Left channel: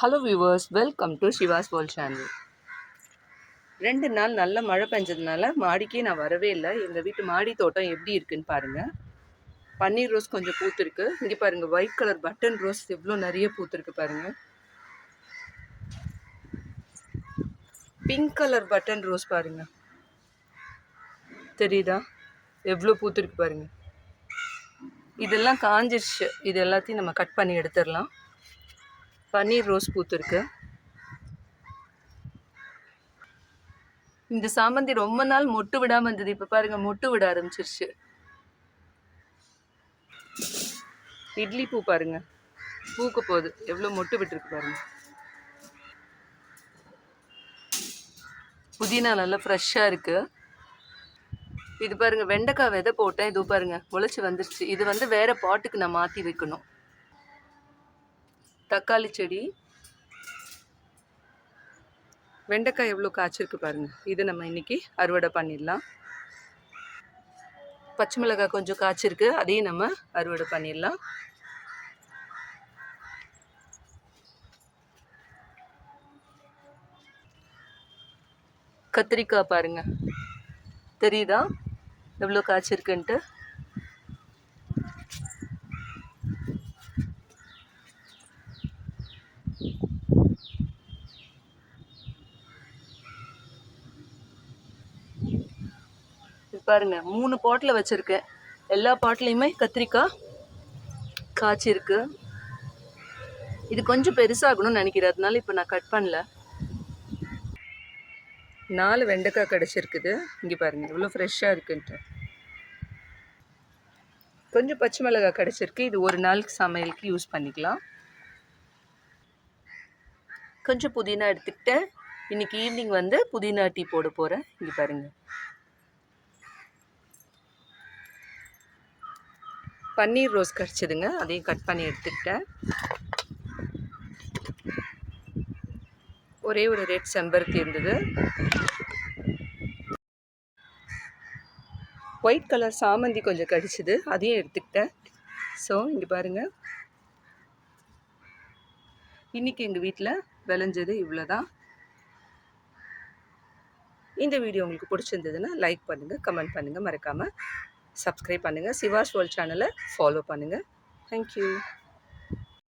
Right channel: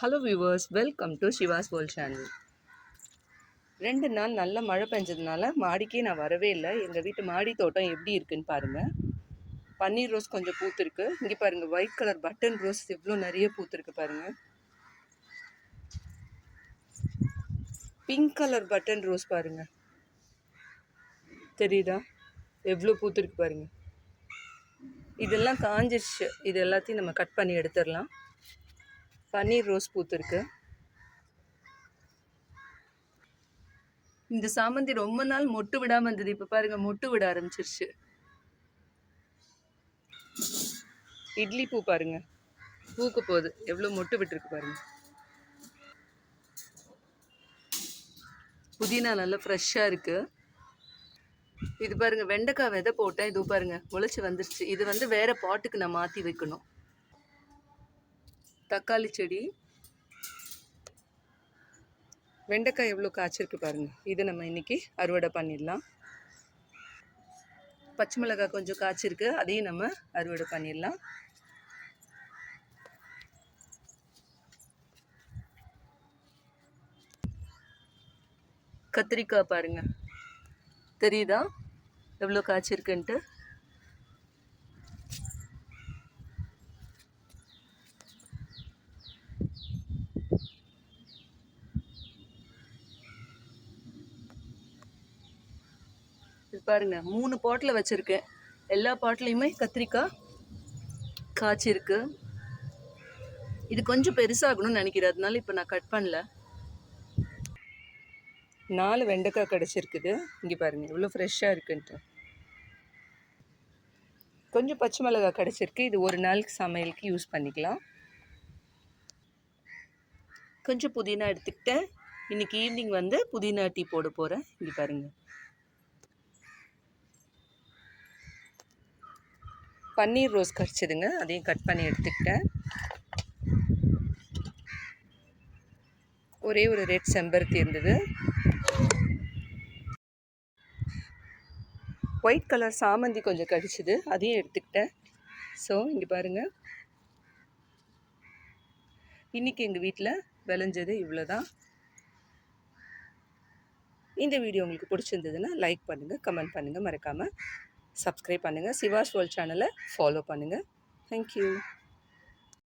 Hello viewers, welcome to Siva's world channel. 2 நாள் நல்ல மழை பெஞ்சதுனால மாடிக்கு நான் வரவே இல்லை. எங்கள் வீட்டு மாடி தோட்டம் எப்படி இருக்குன்னு பாருங்கள். பன்னீர் ரோஸ் கொஞ்சம் பூத்துருக்கு. இங்கே பாருங்கள், ஒயிட் கலர் பட்டன் ரோஸ் எவ்வளோ நிறைய பூத்துருக்கு பாருங்கள். பிங்க் கலர் பட்டன் ரோஸ் பாருங்கள், தெரியுதா எவ்வளோ பூத்துருக்கு பாருங்கள். இதெல்லாம் காஞ்சிருச்சு, இது எல்லாத்தையும் நம்ம கட் பண்ணி எடுத்துடலாம். பன்னீர் ரோஸ் பூத்துருக்கு. இந்த சாமந்தி ரொம்ப நாள் மொட்டு விடாம இருந்தது, இப்ப பாருங்க மொட்டு விட ஆரம்பிச்சிருச்சு. இட்லி பூ பாருங்க, பூக்க போகுது, எவ்வளவு மொட்டு விட்டுருக்கு பாருங்க. புதினா நல்லா ஃப்ரெஷ்ஷா இருக்கு. இது பாருங்க, வெண்டைக்காய் விதை போட்டேன், இது பாருங்க முளைச்சி வந்துருச்சு. இது வேற பாட்டுக்கு நான் மாத்தி வைக்கணும். தக்காளி செடி, வெண்டைக்காய் எவ்வளோ காய்ச்சிருக்கு பாருங்க. இதை நம்ம இன்னைக்கு அறுவடை பண்ணிடலாம். பச்சை மிளகாய் கொஞ்சம் காய்ச்சிருக்கு, அதையும் நம்ம அறுவடை பண்ணிடலாம். கத்திரிக்காய் பாருங்க, தெரியுதா எவ்வளோ காய்ச்சிருக்குன்ட்டு. பாருங்க 3 பாட்டில் வச்சிருக்கேன். எல்லா பாட்டிலையுமே கத்திரிக்காய் காய்ச்சிருக்கு. இது கொஞ்சம் பெருசாகணும்னு நினைக்கிறேன், அதனால இப்போ நான் கட் பண்ணல. 4 வெண்டைக்காய் கிடச்சிருக்குது. இங்கே பாருங்க எவ்வளோ ஃப்ரெஷ்ஷாக இருக்குன்ட்டு. கொஞ்சம் பச்சை மிளகாய் கிடச்சிருக்கு, இது ஒரு நாளுக்கு சமையலுக்கு யூஸ் பண்ணிக்கலாம். கொஞ்சம் புதினா எடுத்துக்கிட்டு இன்னைக்கு ஈவினிங் புதினா டீ போட போகிறேன். இங்கே பாருங்க, பன்னீர் ரோஸ் கிடச்சிதுங்க, அதையும் கட் பண்ணி எடுத்துக்கிட்டேன். ஒரே ஒரு ரெட் செம்பருத்தி இருந்தது. ஒயிட் கலர் சாமந்தி கொஞ்சம் கிடச்சிது, அதையும் எடுத்துக்கிட்டேன். ஸோ இங்கே பாருங்கள், இன்றைக்கி எங்கள் வீட்டில் விளைஞ்சது இவ்வளோதான். இந்த வீடியோ உங்களுக்கு பிடிச்சிருந்ததுன்னா லைக் பண்ணுங்கள், கமெண்ட் பண்ணுங்கள், மறக்காமல் சப்ஸ்கிரைப் பண்ணுங்கள். சிவாஸ் வேர்ல்ட் சேனலை ஃபாலோ பண்ணுங்கள். தேங்க்யூ.